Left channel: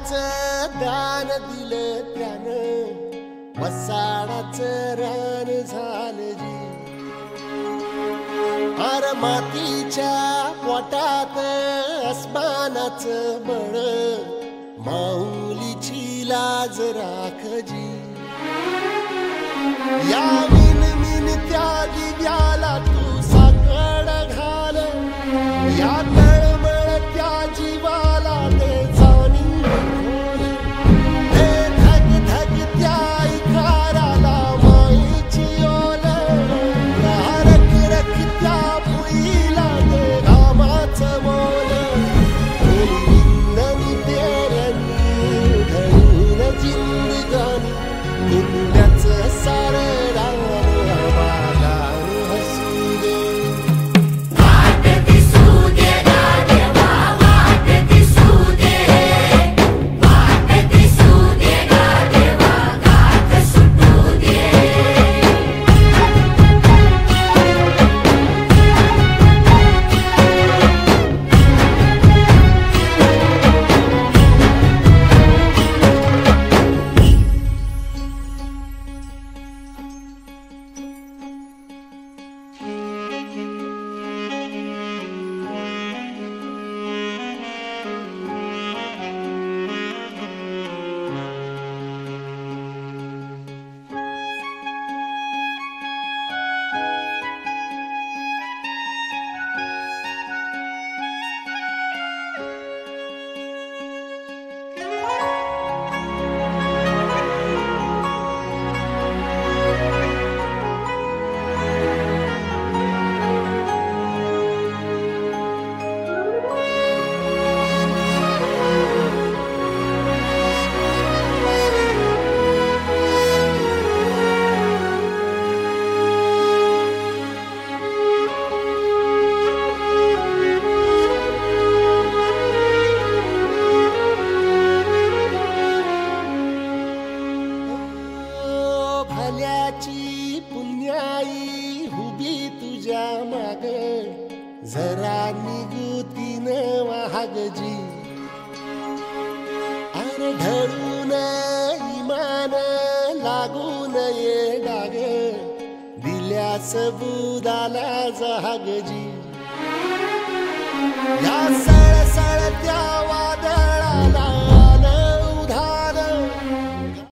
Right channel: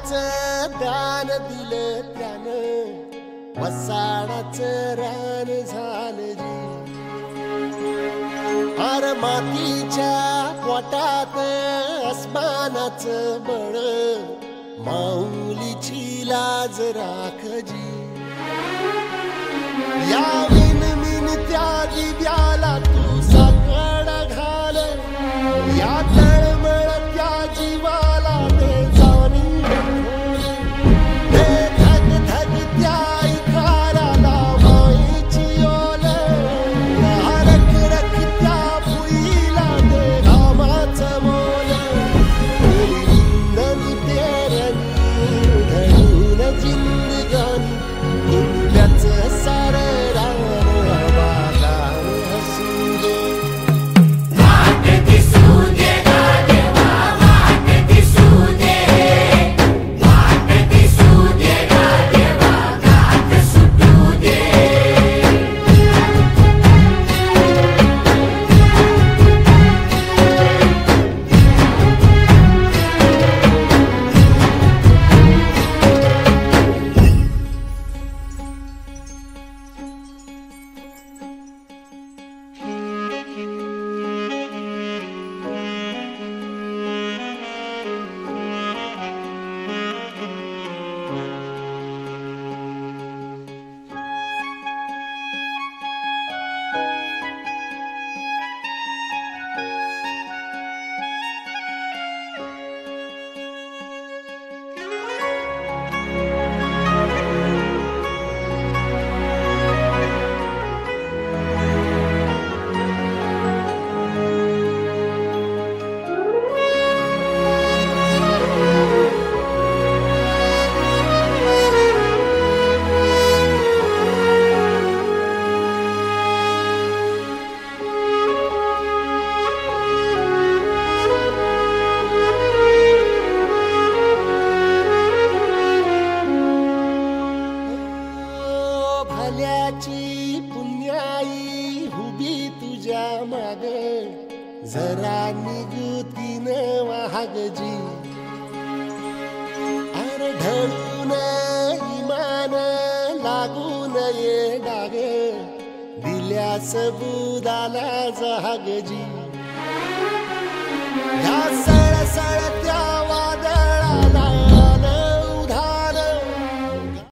वसाडाचं दान दिलं त्यानं, वसाडाचं रान झालं जी. अर मातीच्या पोटात अस्मानाचं बळ, माऊलीची लाज राखजी. या मिनमिनत्या दिव्याला तू साकड घाल, या तळमळत्या जीवाला ते जाणीव खोल. ते धग धगत्या इकाराला माईची ओल, या रख रखत्या भुईला ते घामाचं मोल. ओली निंदनी पेरणी ढळून जिंदगानी, कुंब्याचं सारं रान बागान हसू दे. भल्याची पुण्याई हुबी तुझ्या माग, जरा निगुतीन वाहगजी. अरे ढळून इमान लागून ये डाग, दिल्यास बुदाला जहागजी. या सळसळत्या वादळाला